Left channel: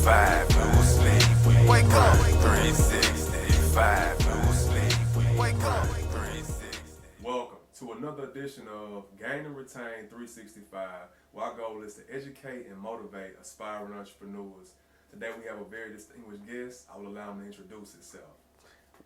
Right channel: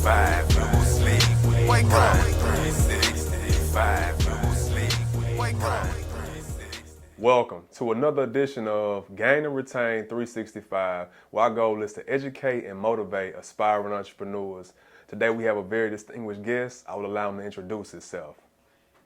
365, no sleep. Wake up. 365, no sleep. Wake up. Welcome to another edition of Gain and Retain 365, where our goal is to educate and motivate aspiring entrepreneurs. Today we have a very distinguished guest. I will allow him to introduce himself.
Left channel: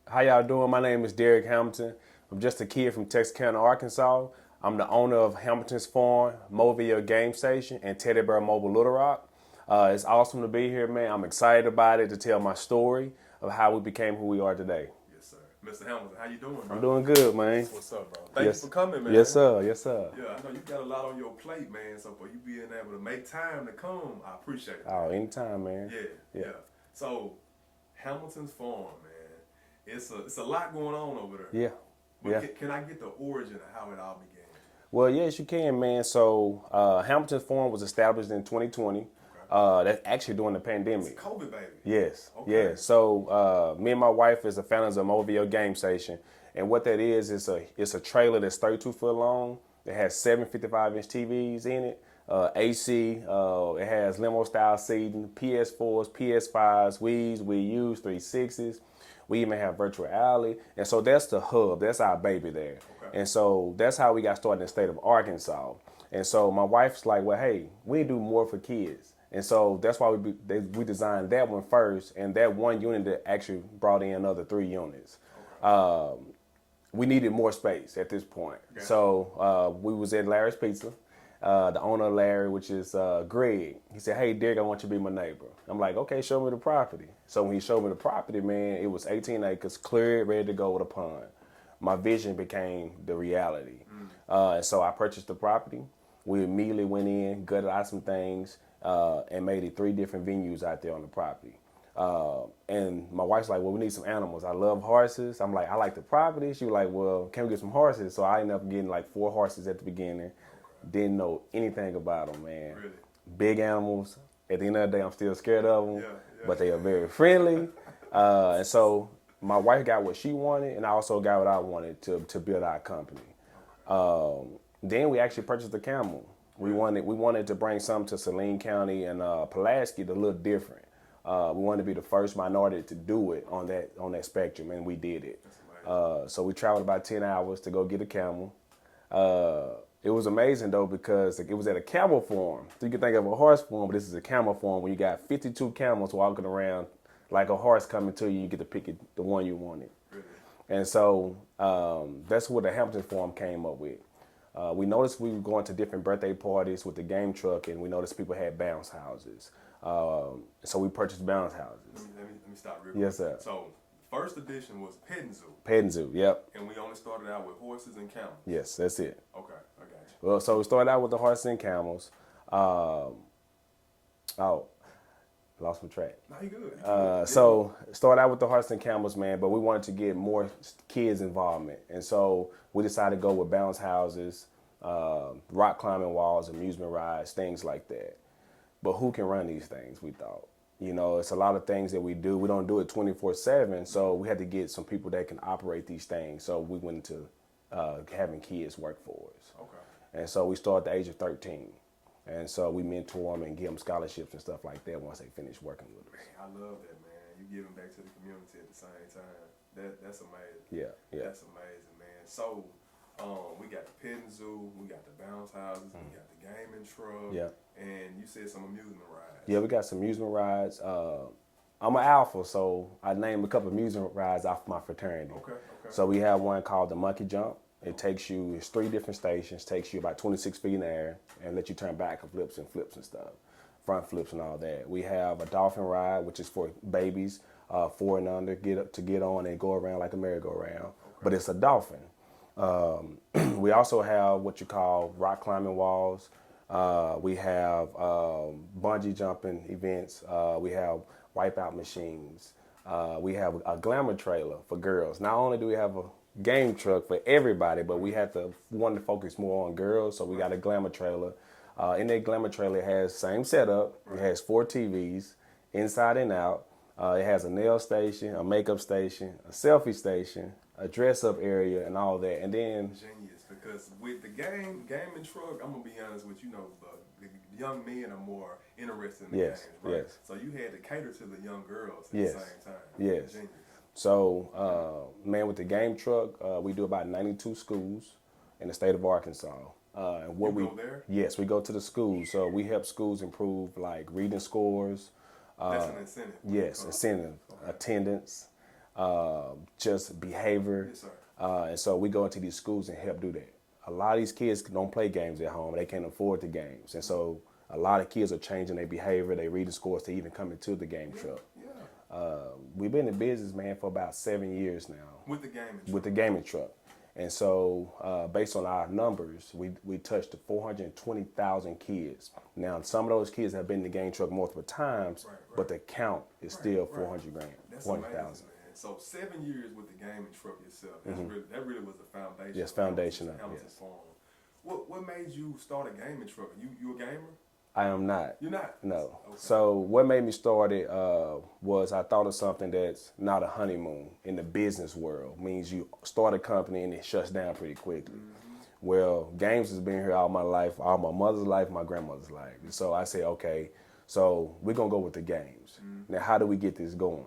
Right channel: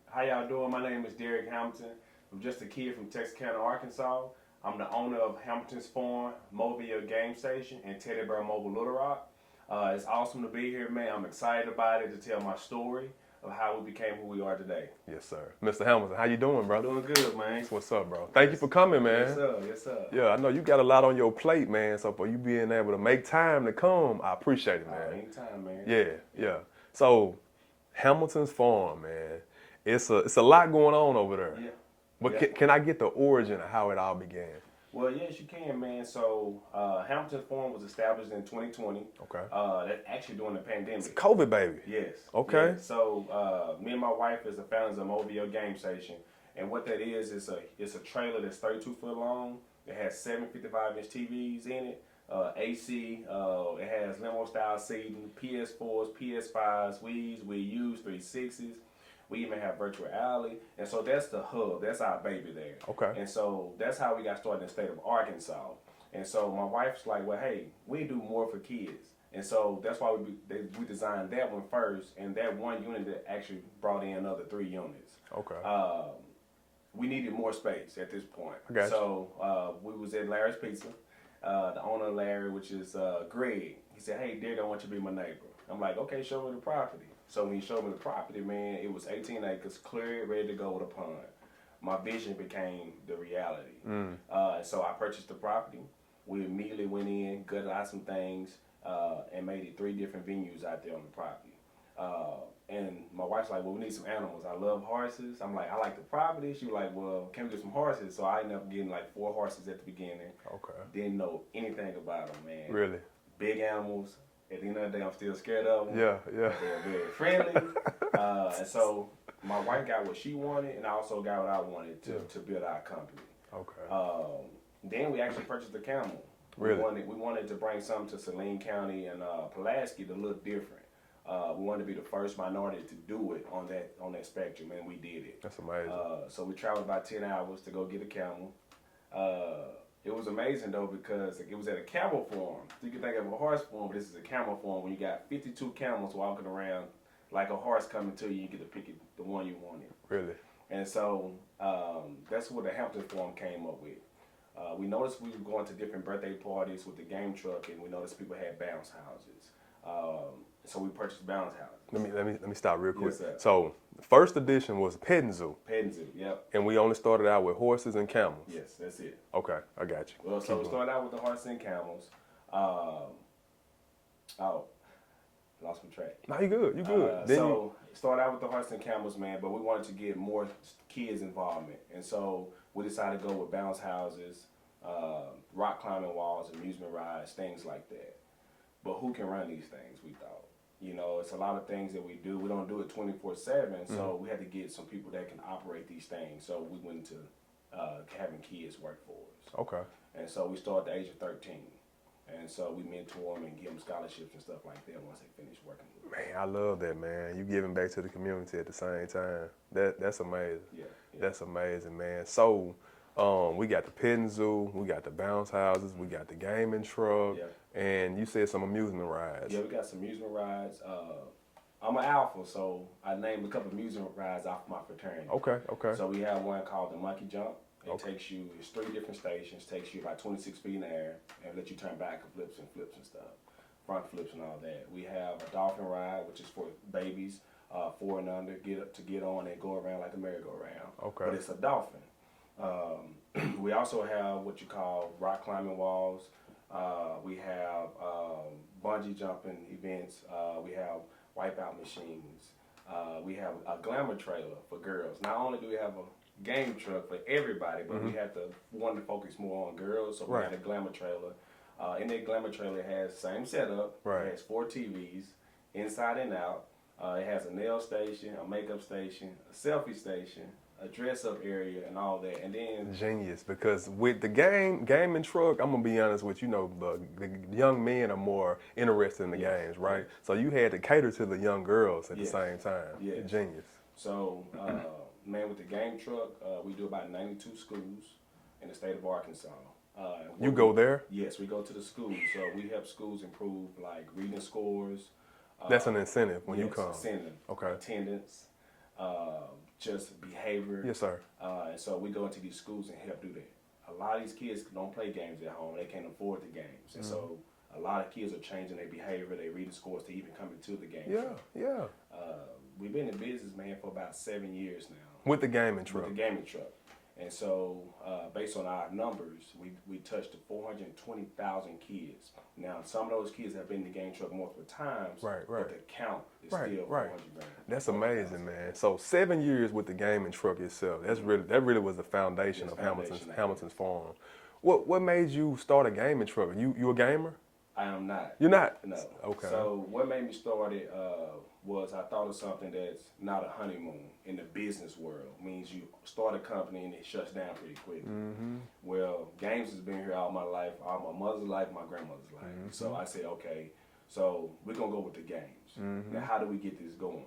How y'all doing? My name is Derrick Hamilton. I'm just a kid from Texarkana, Arkansas. I'm the owner of Hamilton's Farm, Mobile Game Station, and Teddy Bear Mobile Little Rock. It's awesome to be here, man. I'm excited about it, to tell my story of how we became who we are today. Yes, sir. Mr. Hamilton, how you doing, bro? Doing good, man. What's up, bro? Thank you for coming, man. Yes, sir. Yes, sir. Yeah, I know you got a lot on your plate, man. So for you being able to make time to come, I appreciate it, man. Oh, anytime, man. Yeah. So Hamilton's Farm, man. It's a lot going on over there. Yeah. But can I get the origin of how it all began? Well, yes, you can, man. So Hamilton's Farm was established in 2020. Okay. That's actually during the pandemic. It's COVID, baby. Yes. Okay. Yeah. So me and my wife is the founders of Mobile Game Station, and what that is it's a trailer that's 32 foot long. It has 7 55-inch TVs in it, AC. It has limo style seating, PS4s, PS5s, Wii's, Wii U's, 360s. We even have virtual reality. And so that's the hub. That's our baby there. Okay. And so that's how we got started in the state of Arkansas. And so my wife's like, well, hey, we do more for kids. And so that's why we designed that one first. And that one unit that actually brought in another 3 units. Okay. We needed more space at this point. Gotcha. So we was at Larry's Pizza. The owner of Larry, which is Greg, he said, hey, Derek, I want you to be my neighbor. I'm like, okay, show me the property. So when he showed me the property, man, it was 18 acres, cleared, ready to go with a pond. My vision became the reality. And so I purchased the property. We immediately went in, gutted out some things, and made it 3 different venues out there on the property. And my wife's like, well, we need some animals. I love horses. I'm like, I like the property. She was like, well, can we get some horses? So I ended up getting like 4 horses at the beginning. Okay. Didn't know anything about them, man. Really? Big animals. At the end of the day, I'm still scared of them. Yeah. But they are very friendly. And so my wife got what she wanted, and I also got what I wanted to build our company. Okay. Then we actually purchased a camel. Really? We wanted to bring something to Saline County and Pulaski to look different. We wanted to be the first minority to do it on that spectrum, and we did it. That's amazing. So we traveled about 10 hours to go get a camel. It was amazing, though, because it was at a camel farm. So you can think of a horse farm, but this is a camel farm where you got 52 camels walking around like a horse coming to you. You get to pick the one you wanted. Really? And so that's what the Hamilton Farm came up with. We noticed we were going to different birthday parties with the game truck, and we noticed people had bounce houses. So we purchased bounce houses. Let me stop real quick. Yes, sir. So the first edition was petting zoo. Petting zoo, yep. And we only started out with horses and camels. Yes, that's it. Okay, I got you. Well, so we started out with the horses and camels. Lost my track. No, you good. You good. So started out with the horses and camels, man, but we wanted to get more kids involvement. And so we decided to go with bounce houses, rock climbing walls, amusement rides, things like that. But who can run these things, we thought? You know, it's a lot of things that we do. We don't do it 24/7, so we had to get some people that can operate these things. So we went into having kids work for us. Okay. And so we started at the age of 13. And so we mentor them and give them scholarships and stuff like that once they finish working with us. Man, I love that, man. You giving back to the community at the same time. That's amazing. Yeah. That's amazing, man. So we got the petting zoo, we got the bounce houses, we got the gaming truck, and you said some amusement rides. Yeah, we got some amusement rides. I'm an alpha, so I named a couple of amusement rides off my fraternity. Okay. So we have one called the Monkey Jump. It's 3 different stations, takes you about 26 feet in the air, and let you turn back and flips and stuff, front flips and all that. We have a dolphin ride, which is for babies, 4 and under, get on and go around like a merry-go-round. Okay. But it's a dolphin. We also have what you call rock climbing walls. We have bungee jumping events. We have wipeout machines. We have a glamour trailer for girls. Not only do we have a game truck for everybody, but we had to want to focus more on girls, so we got a glamour trailer. In that glamour trailer, it has same setup. It has 4 TVs, inside and out. It has a nail station, a makeup station, a selfie station, a dress up area and all that. And then Genius, because with the gaming truck, I'm gonna be honest with you, the young men are more interested in the Yes, games, right? yes. So you had to cater to the young girls at Yes, the same time. yes. Genius. So, man, with the game truck, we do about 92 schools in the state of Arkansas. You go there? Yes, we go to the schools. So we help schools improve like reading scores. That's an incentive when you Yes, come. incentive, Okay. attendance, just behavior. Yes, sir. And so we go into these schools and help do that. A lot of these kids don't play games at home. They can't afford the games. And so a lot of kids are changing their behavior, their reading scores to even come into the game truck. Yeah. We've been in business, man, for about 7 years now. With the gaming truck. With the gaming truck. And so, based on our numbers, we touched 420,000 kids. Now, some of those kids have been in the game truck multiple times, Right. but the count is still 400 grand. That's 400,000. amazing, man. So 7 years with the gaming truck itself. That's really was the foundation Yes, of foundation, Hamilton's yes. Farm. What made you start a gaming truck? You a gamer? I am not. You're not? No. Okay. So what made me start it was I thought of something that's not a honeymoon in the business world. Means you start a company and it shuts down pretty quickly. Well, games has been here all my life, all my mother's life, my grandmother's life. So I said, okay, so we're gonna go with the games. Now, how do we get this going?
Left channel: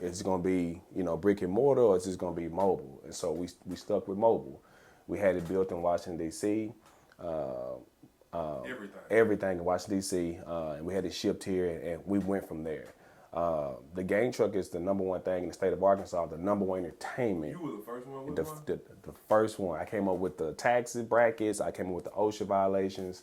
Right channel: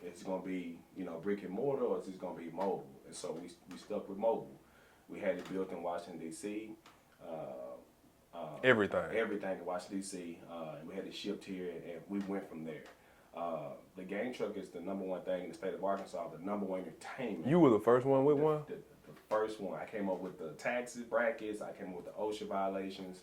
Is it gonna be brick and mortar, or is it gonna be mobile? And so we stuck with mobile. We had it built in Washington D.C. Everything in Washington D.C. And we had it shipped here, and we went from there. The game truck is the number one thing in the state of Arkansas, the number one entertainment. You were the first one with one? The first one. I came up with the taxes brackets. I came up with the OSHA violations,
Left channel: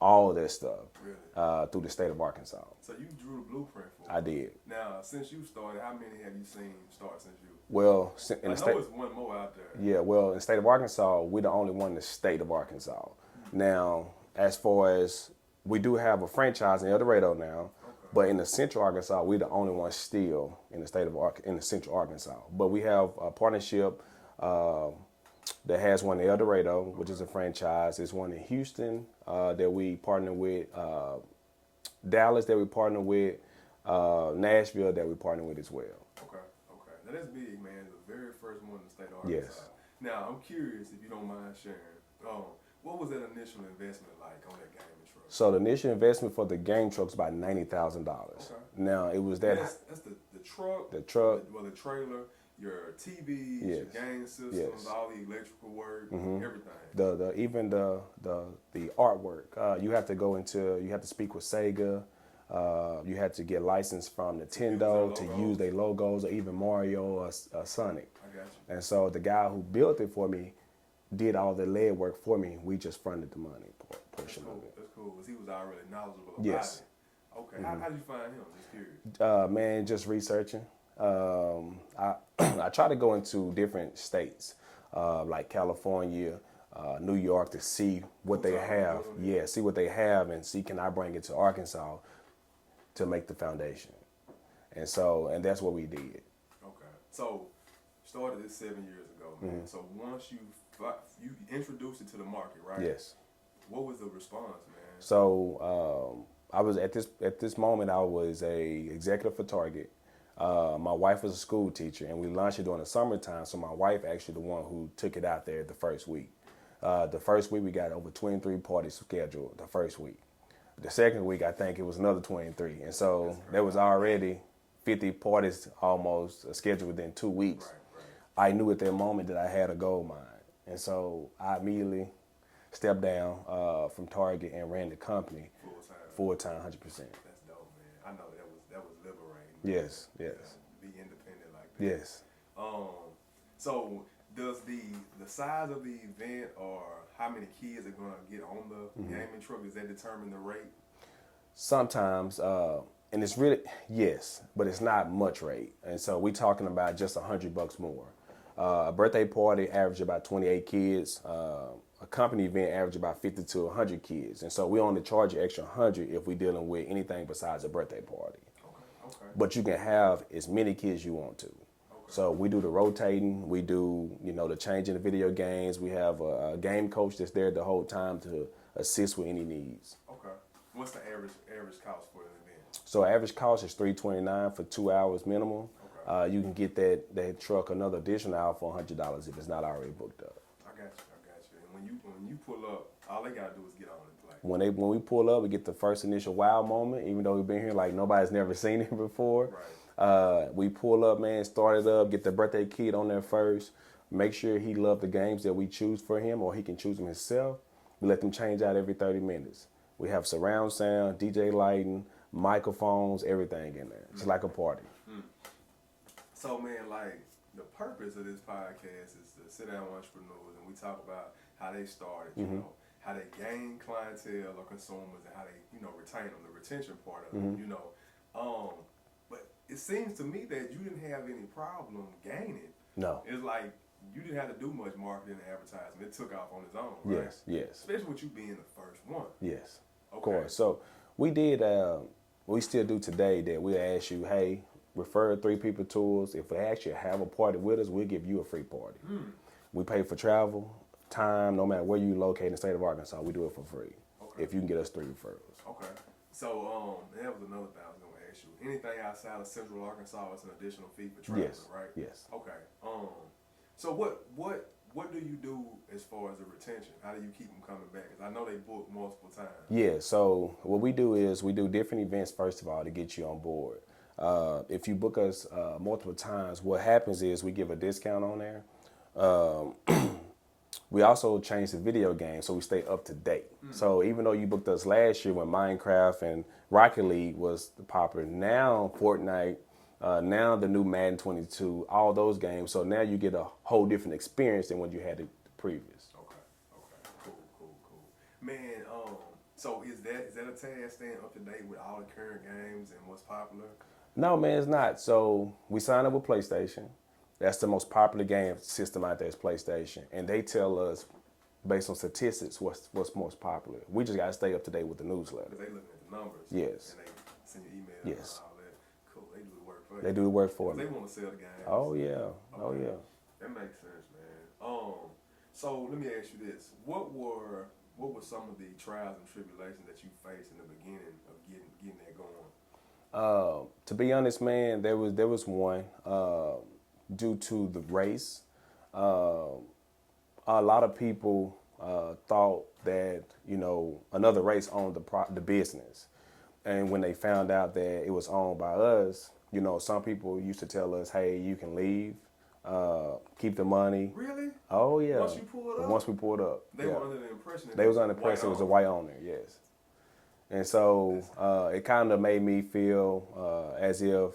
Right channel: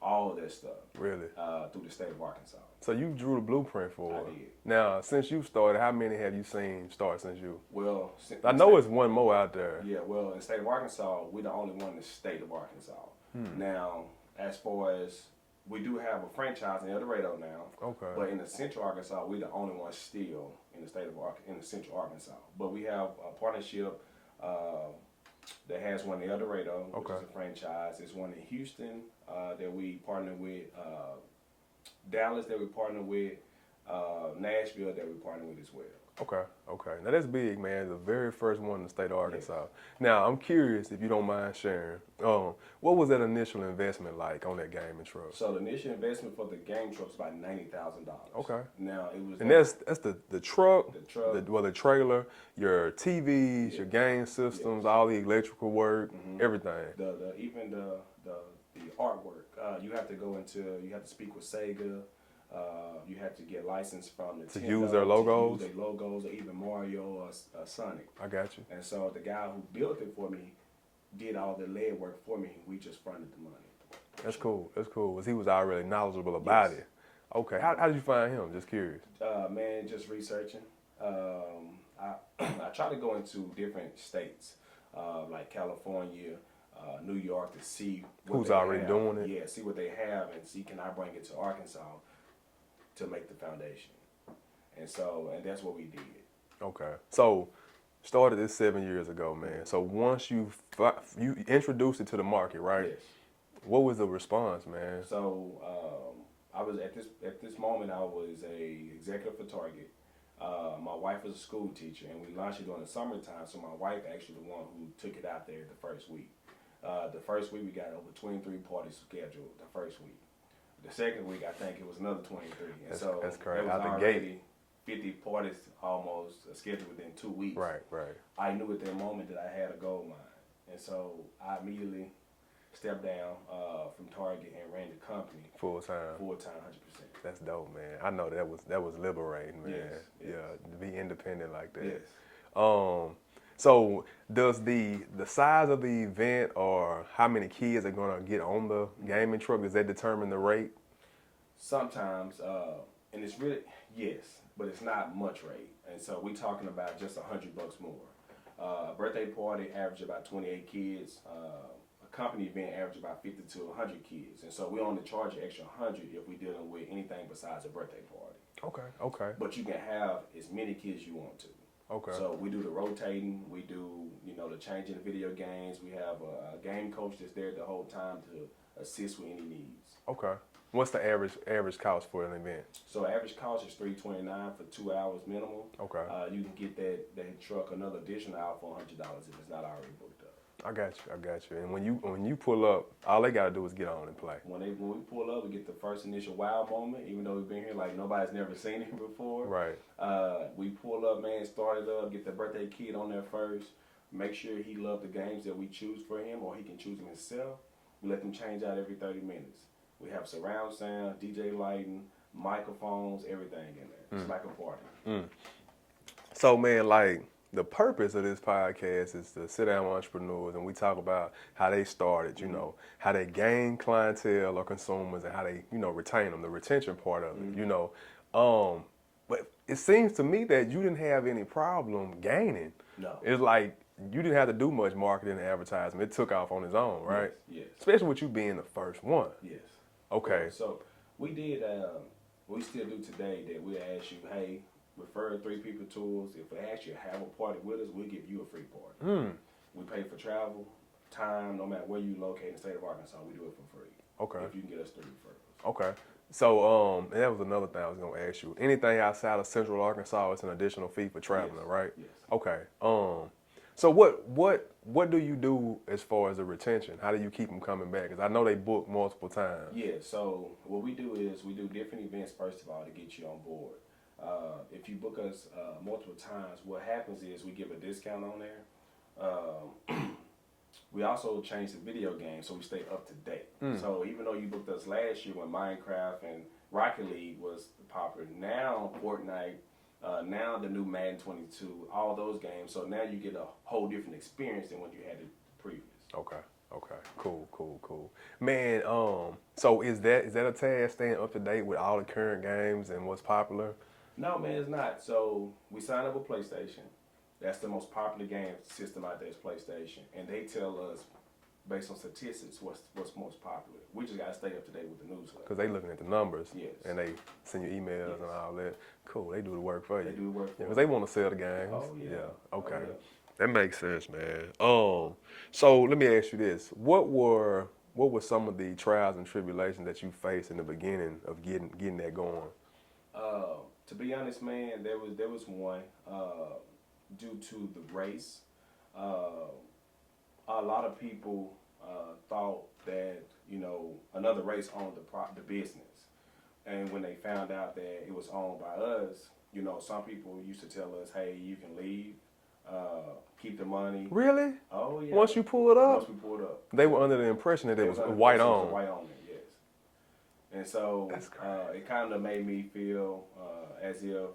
all of that stuff. Really? Through the state of Arkansas. So you drew the blueprint for it. I did. Now, since you started, how many have you seen start since you? Well, I know it's one more out there. Yeah, well, in the state of Arkansas, we're the only one in the state of Arkansas. Now, as far as we do have a franchise in El Dorado now, Okay. but in the Central Arkansas, we're the only one still in the state of in the Central Arkansas. But we have a partnership that has one in El Dorado, which is a franchise. There's one in Houston that we partner with, Dallas that we partner with, Nashville that we partner with as well. Okay. Now that's big, man. The very first one in the state of Arkansas. Yes. Now I'm curious if you don't mind sharing. What was that initial investment like on that gaming truck? So the initial investment for the game truck was about $90,000. Okay. Now it was And that's the truck, The truck. the trailer, your TVs, your Yes. game systems, Yes. all the electrical work, everything. even the artwork. You have to speak with Sega. You have to get licensed from Nintendo use their logos? to use their logos, or even Mario or Sonic. I got you. And so the guy who built it for me did all the lead work for me. We just fronted the money. That's cool. He was already knowledgeable about Yes. it. Okay. How did you find him? Just curious. Man, just researching. I try to go into different states, like California, New York, to see what Who's they already have. doing it? Yeah, see what they have, and see can I bring it to Arkansas to make the foundation. And that's what we did. Okay. So started this 7 years ago, man. So once you introduced it to the market, right? Yes. What was the response, man? So I was at this moment I was a executive for Target. My wife was a school teacher, and we launched it during the summertime. So my wife actually the one who took it out there the first week. The first week we got over 23 parties scheduled. The first week. The second week I think it was another 23, and so that's crazy. there was Out the gate. already 50 parties almost scheduled within 2 weeks. Right. I knew at that moment that I had a gold mine, and so I immediately stepped down from Target and ran the company Full time. 100%. That's dope, man. I know that was liberating, man. Yes, yes. Yeah, to be independent like that. Yes. So does the size of the event or how many kids are gonna get on the gaming truck, does that determine the rate? Sometimes, and it's really, yes, but it's not much rate. And so we're talking about just $100 more. A birthday party average about 28 kids. A company event average about 50 to 100 kids. And so we only charge an extra 100 if we're dealing with anything besides a birthday party. Okay. But you can have as many kids you want to. Okay. So we do the rotating, we do, the changing the video games. We have a game coach that's there the whole time to assist with any needs. Okay. What's the average cost for an event? So average cost is $329 for 2 hours minimum. Okay. You can get that truck another additional hour for $100 if it's not already booked up. I got you. And when you pull up, all they gotta do is get on and play. When we pull up, we get the first initial wow moment, even though we've been here like nobody's never seen it before. Right. We pull up, man, start it up, get the birthday kid on there first, make sure he loves the games that we choose for him or he can choose them himself. We let them change out every 30 minutes. We have surround sound, DJ lighting, microphones, everything in there. It's like a party. So, man, like, the purpose of this podcast is to sit down with entrepreneurs and we talk about how they started, you know, how they gain clientele or consumers and how they, you know, retain them, the retention part of it, you know. But it seems to me that you didn't have any problem gaining. No. It's like you didn't have to do much marketing and advertising. It took off on its own, right? Yes. Especially with you being the first one. Yes. Okay. So we did, we still do today that we'll ask you, hey, refer 3 people to us. If we actually have a party with us, we'll give you a free party. We pay for travel, time, no matter where you locate in the state of Arkansas, we do it for free. Okay. If you can get us 3 referrals. Okay. So, and that was another thing I was gonna ask you. Anything outside of Central Arkansas, it's an additional fee for traveling, Yes. right? Yes. Okay. So what do you do as far as the retention? How do you keep them coming back? Because I know they book multiple times. Yeah, so what we do is we do different events, first of all, to get you on board. If you book us multiple times, what happens is we give a discount on there. We also change the video game so we stay up to date. So even though you booked us last year when Minecraft and Rocket League was popular, now Fortnite, now the new Madden 22, all those games. So now you get a whole different experience than what you had the previous. Okay. Cool. Man, so is that a task, staying up to date with all the current games and what's popular? No, man, it's not. So we signed up with PlayStation. That's the most popular game system out there is PlayStation. And they tell us, based on statistics, what's most popular. We just got to stay up to date with the newsletter. Because they looking at the numbers. Yes. And they send you emails and all that. Cool, they do the work for you. They do the work for Because us. they want to sell the games. Oh, yeah. Okay. Oh, yeah. That makes sense, man. So let me ask you this. What were some of the trials and tribulations that you faced in the beginning of getting that going? To be honest, man, there was one due to the race. A lot of people thought that another race owned the business, and when they found out that it was owned by us, some people used to tell us, "Hey, you can leave, keep the money." Really? Oh yeah. Once you pull it up? Once we pulled up, They were under the impression that they it was under the white impression it was a on. white owner, yes. And so it kind of made me feel as if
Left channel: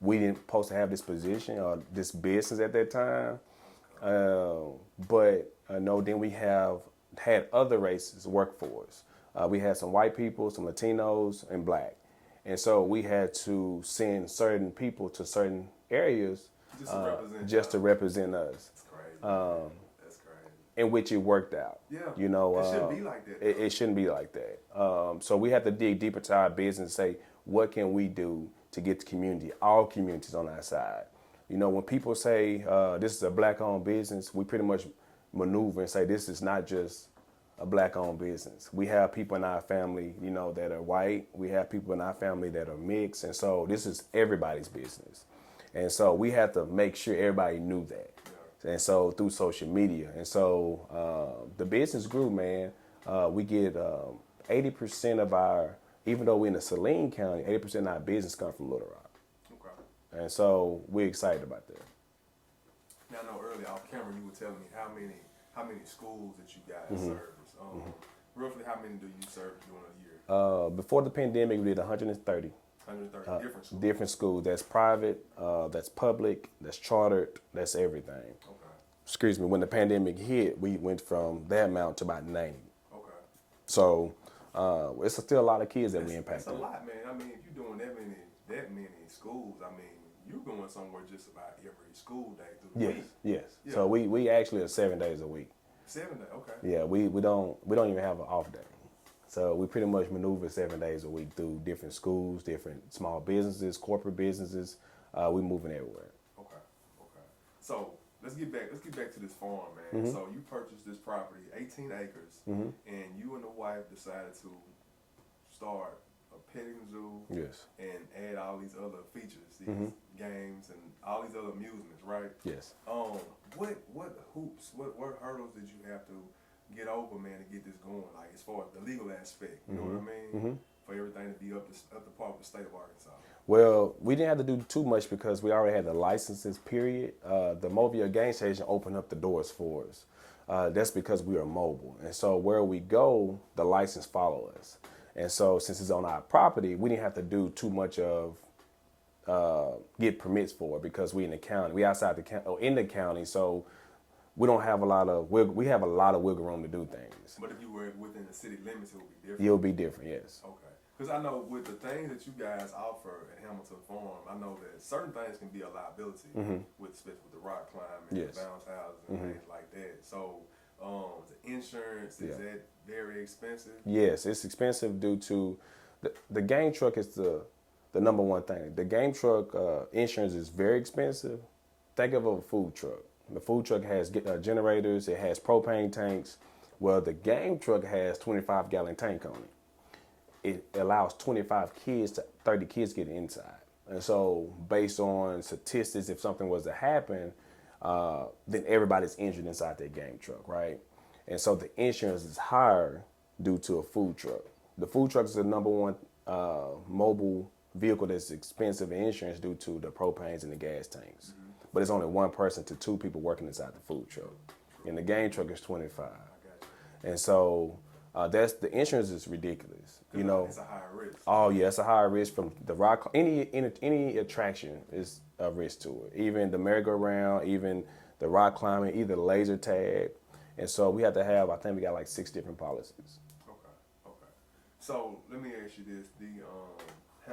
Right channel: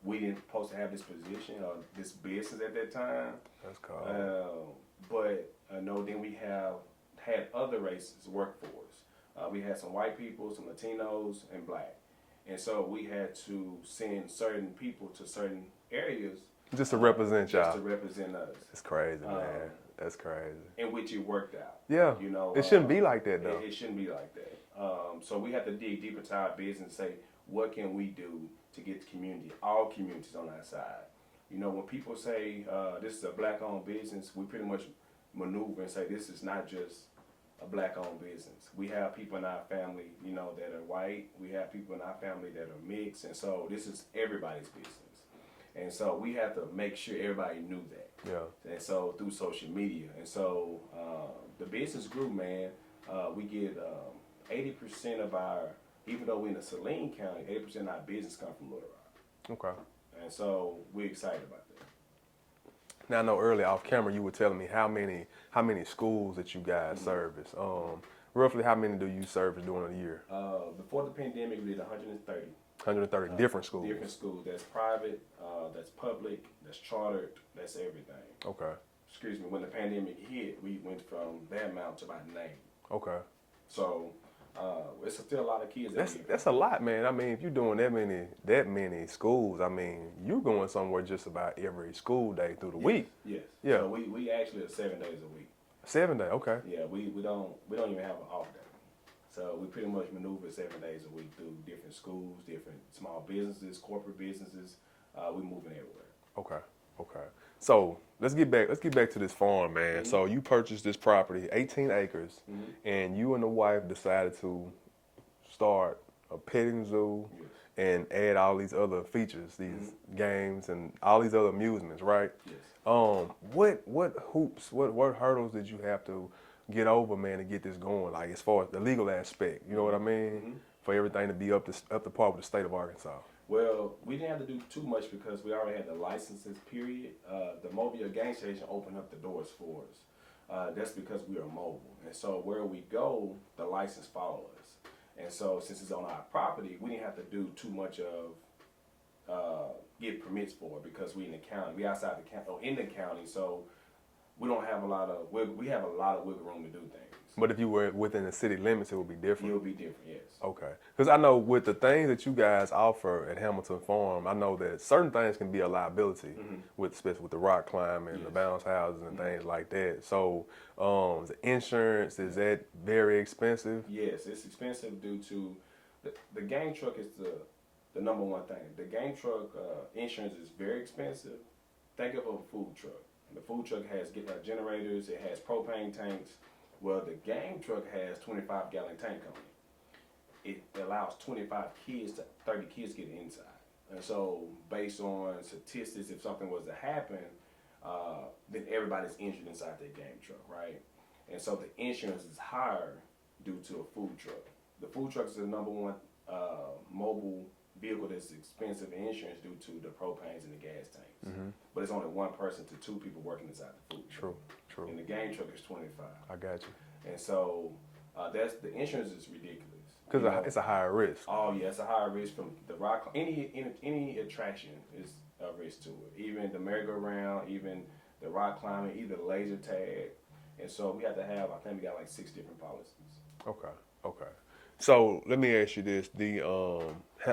we didn't supposed to have this position or this business at that time. That's cool. Then we have had other races work for us. We had some white people, some Latinos, and black. And so we had to send certain people to certain areas. Just to represent Just y'all. to represent us. It's crazy, man. That's crazy. In which it worked out. Yeah. It shouldn't be like that, though. It shouldn't be like that. So we have to dig deeper into our business and say, what can we do to get the community, all communities on our side? When people say this is a black-owned business, we pretty much maneuver and say this is not just a black-owned business. We have people in our family, that are white. We have people in our family that are mixed. And so this is everybody's business. And so we have to make sure everybody knew that. Yeah. And so through social media. And so the business grew, man. We get 80% of our, even though we're in the Saline County, 80% of our business come from Little Rock. Okay. And so we're excited about that. Now, I know earlier off camera you were telling me how many schools that you guys service. Roughly how many do you service during a year? Before the pandemic, we did 130. 130 different schools. Different schools. That's private, that's public, that's chartered, that's everything. Okay. Excuse me. When the pandemic hit, we went from that amount to about 90. Okay. So it's still a lot of kids that we impact. That's a lot, man. I mean, if you're doing that many schools, I mean, you're going somewhere just about every school day through the week. Yes. Yeah. So we actually are 7 days a week. 7 days. Okay. Yeah. We don't even have an off day. So we pretty much maneuver 7 days a week through different schools, different small businesses, corporate businesses. We moving everywhere. Okay. So let's get back to this farm, man. So you purchased this property, 18 acres, and you and the wife decided to start a petting zoo Yes. and add all these other features, these games and all these other amusements, right? Yes. What hoops, what hurdles did you have to get over, man, to get this going? Like as far as the legal aspect, you know what I mean? For everything to be up to par with the state of Arkansas. Well, we didn't have to do too much because we already had the licenses, period. The Mobile Game Station opened up the doors for us. That's because we are mobile. And so where we go, the license follow us. And so since it's on our property, we didn't have to do too much of get permits for it because we in the county. We outside the county, or in the county, so we don't have a lot of we have a lot of wiggle room to do things. But if you were within the city limits, it would be different. It'll be different, yes. Okay. Because I know with the things that you guys offer at Hamilton Farm, I know that certain things can be a liability, with especially with the rock climbing, Yes. the bounce houses, and things like that. So the insurance, is that very expensive? Yes, it's expensive due to the game truck is the number one thing. The game truck insurance is very expensive. Think of a food truck. The food truck has generators. It has propane tanks. Well, the game truck has 25-gallon tank on it. It allows 25 kids to 30 kids get inside. And so based on statistics, if something was to happen, then everybody's injured inside that game truck, right? And so the insurance is higher due to a food truck. The food truck is the number one mobile vehicle that's expensive in insurance due to the propanes and the gas tanks. But it's only one person to two people working inside the food truck. True. And the game truck is 25. I got you. And so that's the insurance is ridiculous. Because it's a higher risk. Oh yeah, it's a higher risk from the rock. Any attraction is a risk to it. Even the merry-go-round, even the rock climbing, either laser tag. And so we have to have. I think we got like 6 different policies. Okay. So let me ask you this: the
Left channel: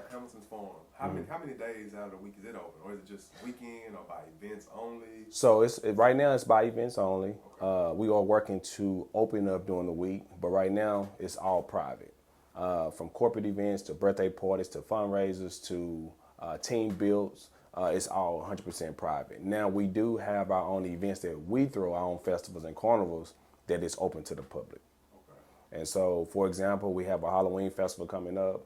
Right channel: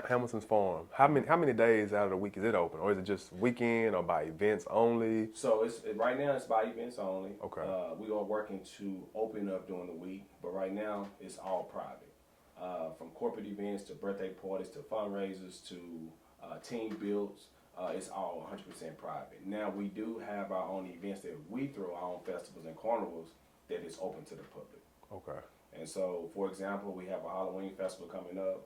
Hamilton's Farm. How many days out of the week is it open, or is it just weekend or by events only? So right now it's by events only. Okay. We are working to open up during the week, but right now it's all private. From corporate events to birthday parties to fundraisers to team builds, it's all 100% private. Now we do have our own events that we throw, our own festivals and carnivals that is open to the public. Okay. And so, for example, we have a Halloween festival coming up,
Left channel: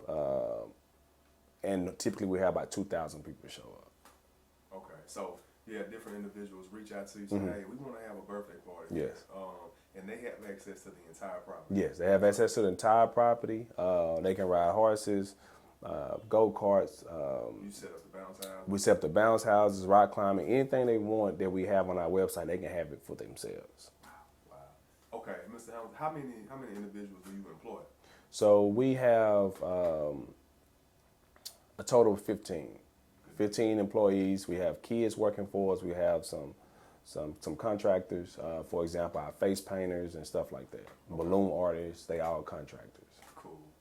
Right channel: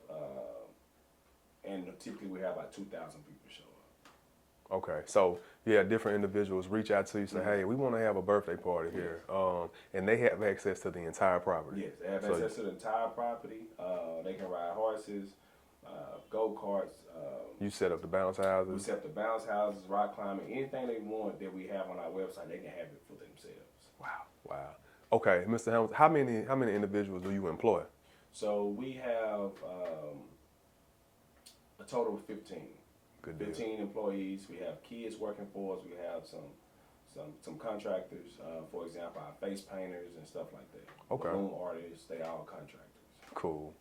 and typically we have about 2,000 people show up. Okay, so yeah, different individuals reach out to you, say, hey, we want to have a birthday party here. And they have access to the entire property. Yes, they have access to the entire property. They can ride horses, go-karts. You set up the bounce houses? We set up the bounce houses, rock climbing, anything they want that we have on our website, they can have it for themselves. Wow. Okay, Mr. Hamilton, how many individuals do you employ? So we have a total of 15. Good 15 employees. We have kids working for us. We have some contractors. For example, our face painters and stuff like that. Okay. Balloon artists. They all contractors. Cool.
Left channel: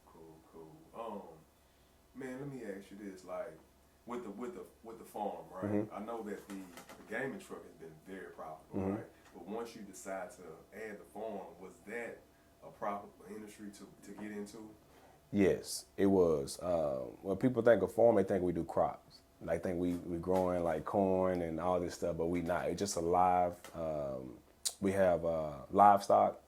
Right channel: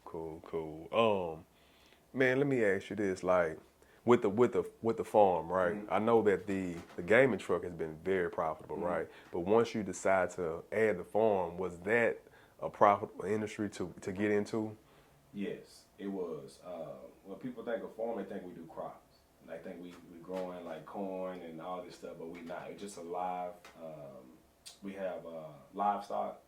Man, let me ask you this: like, with the farm, right? I know that the gaming truck has been very profitable, right? But once you decide to add the farm, was that a profitable industry to get into? Yes, it was. When people think of farm, they think we do crops. They think we growing like corn and all this stuff, but we not. It's just a live. We have livestock,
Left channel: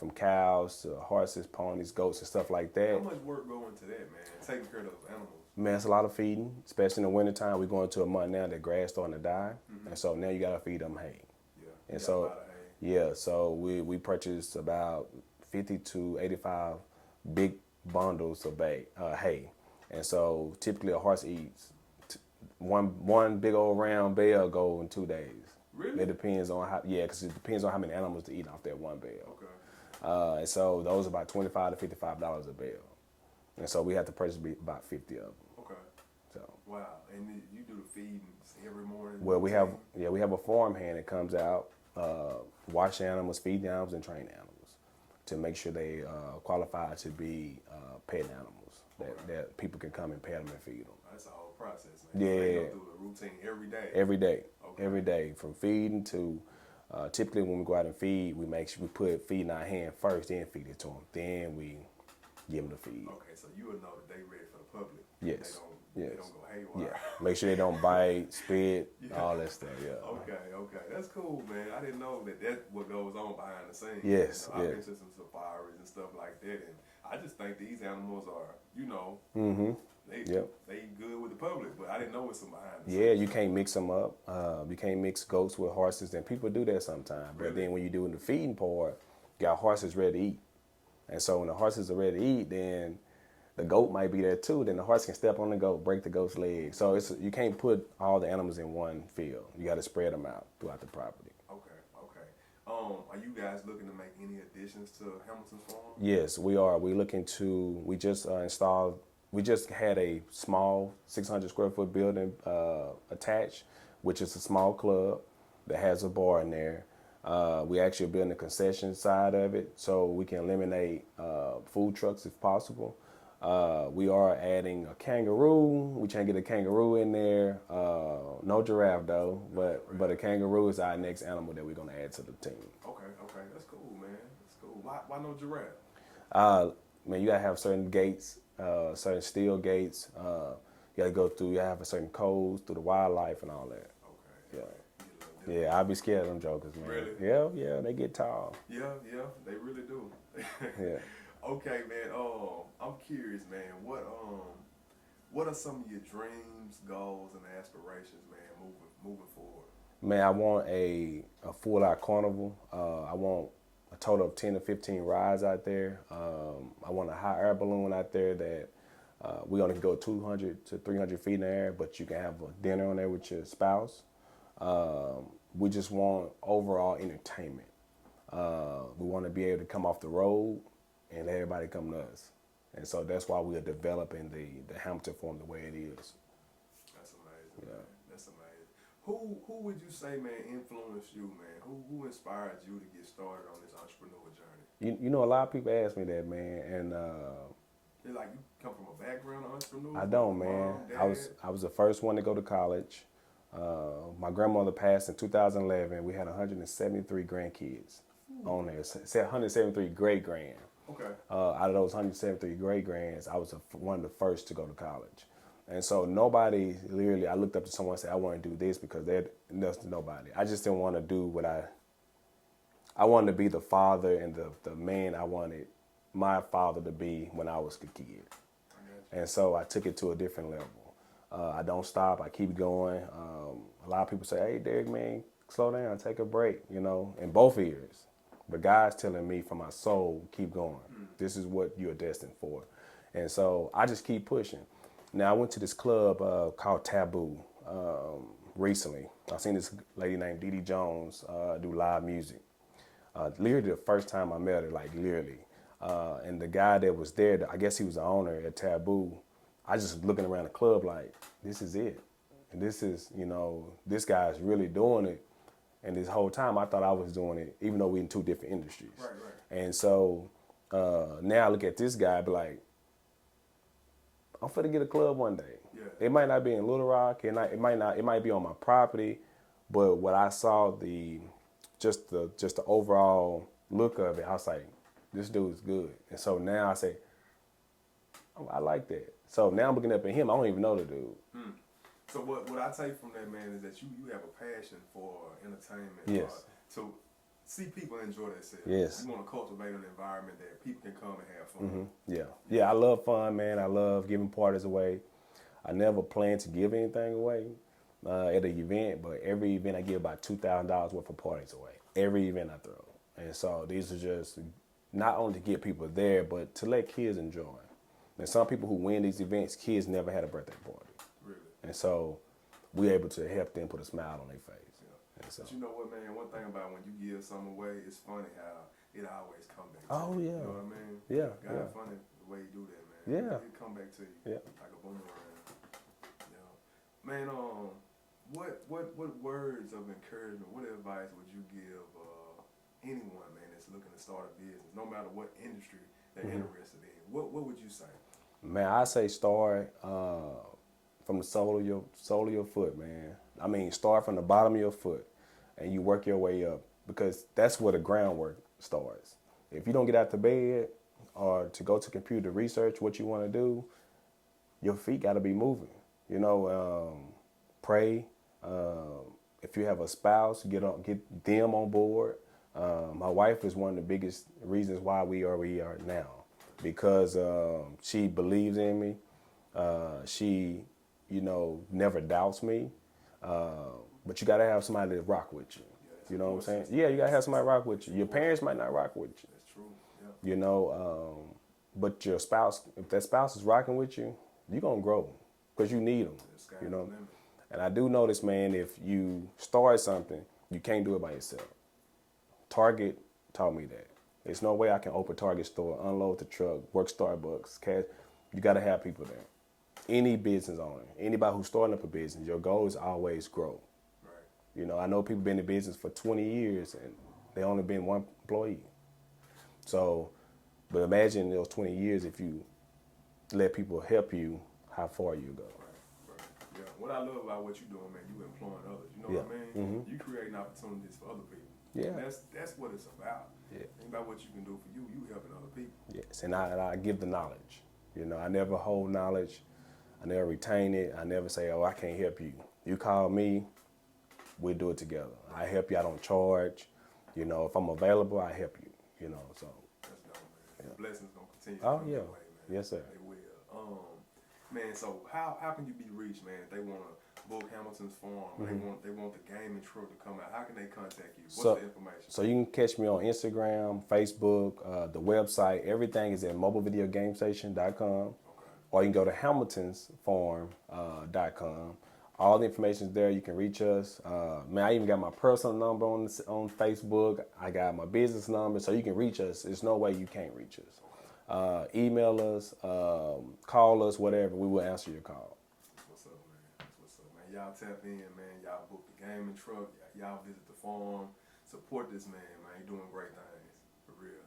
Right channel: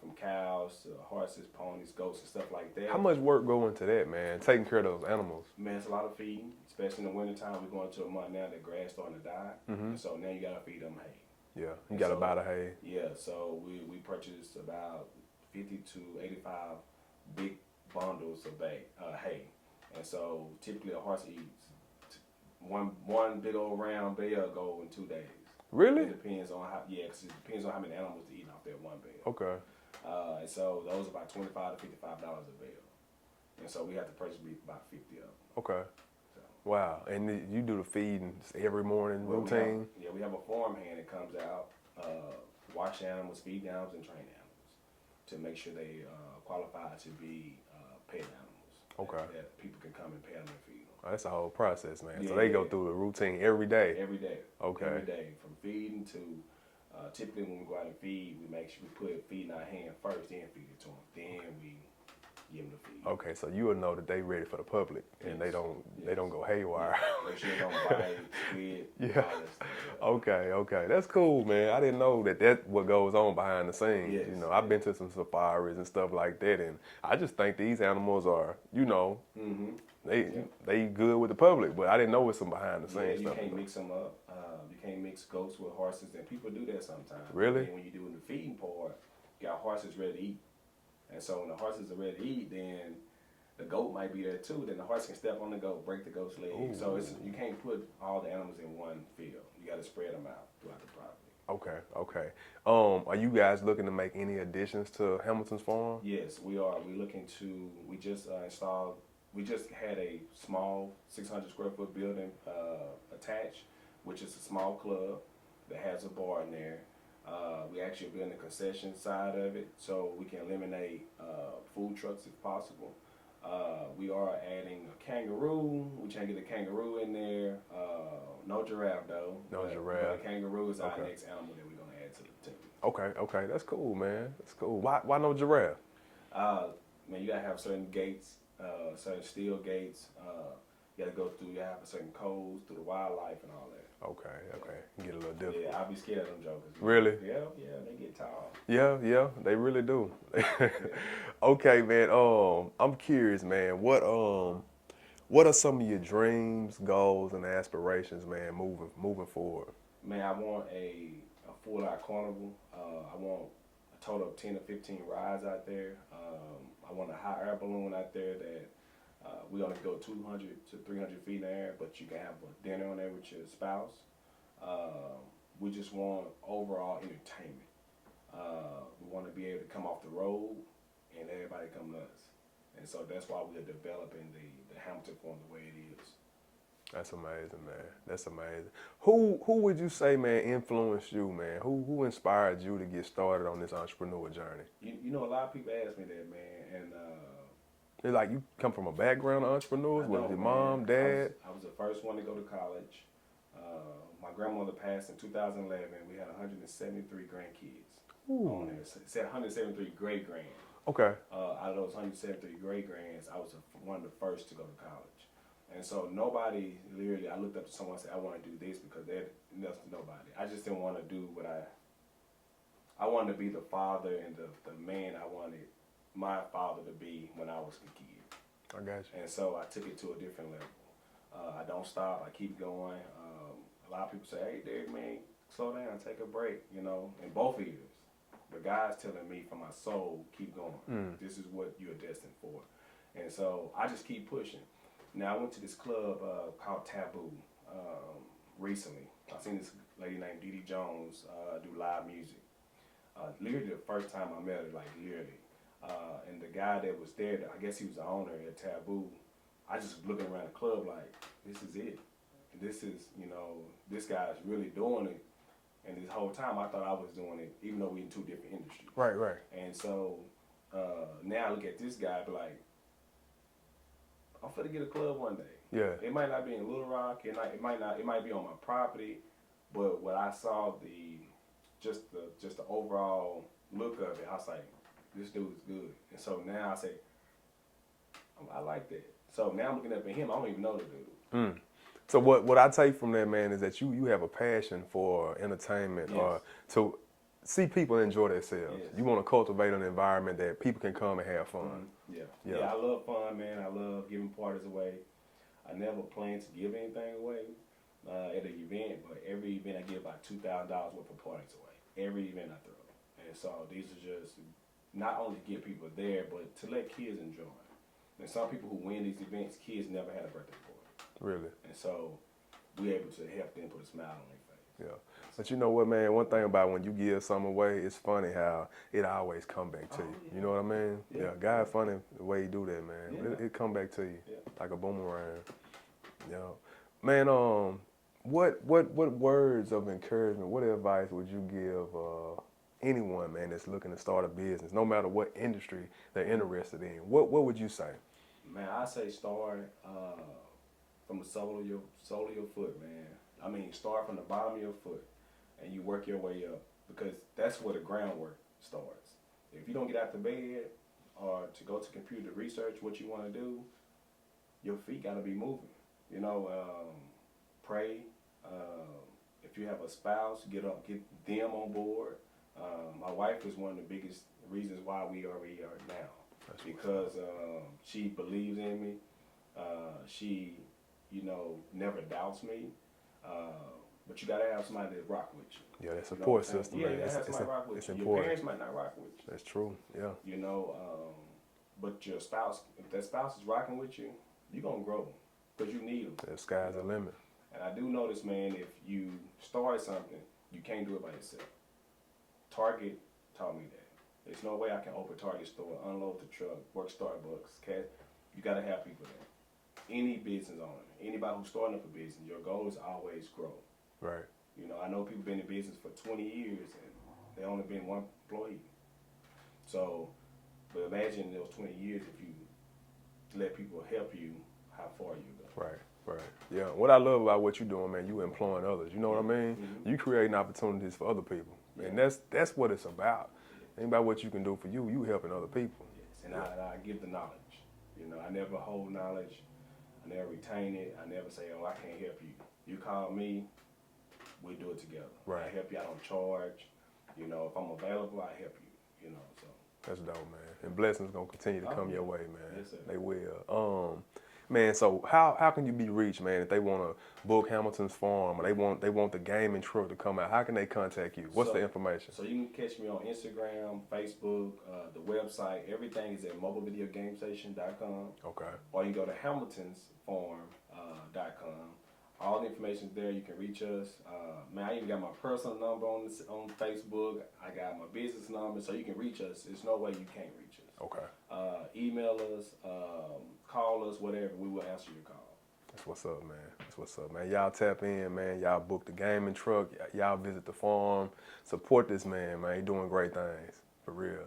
from cows to horses, ponies, goats, and stuff like that. How much work go into that, man? Taking care of those animals. Man, it's a lot of feeding, especially in the wintertime. We're going to a month now that grass starting to die, and so now you gotta feed them hay. Yeah, you And gotta so- buy the hay. Yeah, so we purchased about 50 to 85 big bundles of hay, and so typically a horse eats one big old round bale go in 2 days. Really? It depends on because it depends on how many animals to eat off that one bale. Okay. And so those are about $25 to $55 a bale, and so we have to purchase about 50 of them. Okay. So. Wow. And you do the feeding every morning? Well, routine? we have a farm hand that comes out, wash animals, feed animals, and train animals to make sure they qualify to be pet animals. Okay. That people can come and pet them and feed them. Oh, that's a whole process, man. Yeah. So they go through the routine every day. Every day. Okay. Every day, from feeding to typically when we go out and feed, we make sure we put feed in our hand first, then feed it to them. Then we give them the feed. Okay, so you will know that they ready for the public, and Yes. they don't go haywire. Yeah. Make sure they don't bite, spit, Yeah. all that stuff. Yeah. Okay, that's cool, man. I didn't know that what goes on behind the scenes. Yes, I've yeah. been to some safaris and stuff like that, and I just think these animals are, they good with the public, but I didn't know it's some behind the scenes. Yeah, you stuff. can't mix them up. You can't mix goats with horses, and people do that sometimes. Really? But then when you do in the feeding part, you got horses ready to eat. And so when the horses are ready to eat, then the goat might be there too. Then the horse can step on the goat, break the goat's leg. So you can't put all the animals in one field. You got to spread them out throughout the property. Okay. Are you guys looking to make any additions to Hamilton's farm? Yes, we are. We just installed, we just had a small 600 square foot building attached, which is a small club that has a bar in there. We actually are building the concession side of it so we can eliminate food trucks if possible. We are adding a kangaroo. We trying to get a kangaroo in there. No giraffe though, but a kangaroo is our next animal that we're gonna add to the team. Okay, that's cool, man. That's cool. Why no giraffe? Man, you gotta have certain gates, certain steel gates. You gotta go through. You have a certain codes through the wildlife and all that. Okay. Get a little different. Yeah, I'd be scared of them jokers. Man. Really? Yeah, they get tall. Yeah, they really do. Yeah. Okay, man. I'm curious, man. What are some of your dreams, goals, and aspirations, man, moving forward? Man, I want a full-out carnival. I want a total of 10 to 15 rides out there. I want a hot air balloon out there that we only can go 200 to 300 feet in the air, but you can have a dinner on there with your spouse. We just want overall entertainment. We want to be able to come off the road and let everybody come to us. And so that's why we are developing the Hamilton Farm the way it is. That's amazing, man. That's amazing. Who would you say, man, influenced you, man? Who inspired you to get started on this entrepreneur journey? You know, a lot of people ask me that, man, and It's like you come from a background of entrepreneurs. I don't, your man. Mom, dad. I was the first one to go to college. My grandmother passed in 2011. We had 173 grandkids on there. Said 173 great grand. Okay. Out of those 173 great grands, I was one of the first to go to college. And so nobody, literally, I looked up to someone and said, I want to do this because that's nobody. I just didn't want to do what I wanted to be the father and the man I wanted my father to be when I was a kid. I got you. And so I took it to a different level. I don't stop. I keep going. A lot of people say, hey, Derrick, man, slow down, take a break, in both ears. But God's telling me from my soul, keep going. This is what you're destined for. And so I just keep pushing. Now, I went to this club called Taboo recently. I seen this lady named Dee Dee Jones do live music. Literally the first time I met her, like literally. And the guy that was there, I guess he was the owner at Taboo. I just looking around the club like, this is it. And this is, this guy's really doing it. And this whole time I thought I was doing it, even though we're in two different industries. Right. And so now I look at this guy, be like, I'm finna get a club one day. Yeah. It might not be in Little Rock, it might be on my property, but what I saw just the overall look of it, I was like, this dude's good. And so now I say, I like that. So now I'm looking up at him. I don't even know the dude. So what I take from that, man, is that you have a passion for entertainment, Yes. or to see people enjoy themselves. Yes. You want to cultivate an environment that people can come and have fun. Yeah, I love fun, man. I love giving parties away. I never plan to give anything away at an event, but every event I give about $2,000 worth of parties away. Every event I throw. And so these are just not only to get people there, but to let kids enjoy. There's some people who win these events, kids never had a birthday party. Really? And so we're able to help them put a smile on their face. Yeah. But you know what, man? One thing about when you give something away, it's funny how it always come back to you. Yeah. You know what I mean? Yeah. God funny the way you do that, man. Yeah. It come back to you. Yeah. Like a boomerang. Man, what words of encouragement, what advice would you give anyone, man, that's looking to start a business, no matter what industry they're interested in? What would you say? Man, I say start from the sole of your foot, man. I mean, start from the bottom of your foot and you work your way up, because that's where the groundwork starts. If you don't get out the bed or to go to computer research what you want to do, your feet got to be moving. You know, pray. If you have a spouse, get them on board. My wife is one of the biggest reasons why we are where we are now, because she believes in me. She, you know, never doubts me. But you gotta have somebody to rock with you. Yeah, that's you know what I'm saying? system, Yeah, man. you gotta have somebody rock with you. Your important. parents might not rock with you. That's true. Yeah. You know, but your spouse, if that spouse is rocking with you, you're gonna grow because you need them. The sky's the limit. And I do notice, man, if you start something, you can't do it by yourself. Target taught me that. There's no way I can open Target store, unload the truck, work Starbucks, cash. You got to have people there. Any business owner, anybody who's starting up a business, your goal is always grow. Right. You know, I know people been in business for 20 years and they only been one employee. So, but imagine those 20 years if you let people help you, how far you go. Right. Right. Yeah. What I love about what you're doing, man, you employing others. You know what I mean? You creating opportunities for other people. Yeah. And that's what it's about. Yeah. Ain't about what you can do for you. You helping other people. Yes, and I give the knowledge. You know, I never hold knowledge. I never retain it. I never say, oh, I can't help you. You call me, we'll do it together. Right. I help you. I don't charge. You know, if I'm available, I help you. You know, so. That's dope, man. And blessings gonna continue to come your way, man. Yes, sir. They will. Man, so how can you be reached, man, if they want to book Hamilton's Farm or they want the gaming truck to come out? How can they contact you? What's the information? So you can catch me on Instagram, Facebook, the website. Everything is at mobilevideogamestation.com. Okay. Or you can go to hamiltonsfarm.com. All the information is there. You can reach us. Man, I even got my personal number on Facebook. I got my business number, so you can reach us. There's no way you can't reach us. Okay. Email us, call us, whatever. We will answer your call. That's what's up, man. That's what's up, man. Y'all tap in, man. Y'all book the gaming truck. Y'all visit the farm. Support this man, man. He doing great things, for real.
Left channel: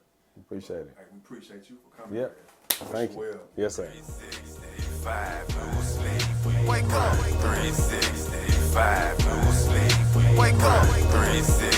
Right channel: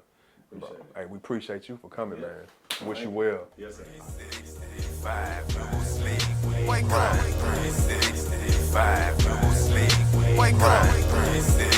Appreciate it. Hey, we appreciate you for coming, Yeah. man. Wish Thank you well. Yes, sir. 365, no sleep. Wake up. 365, no sleep. Wake up. 365.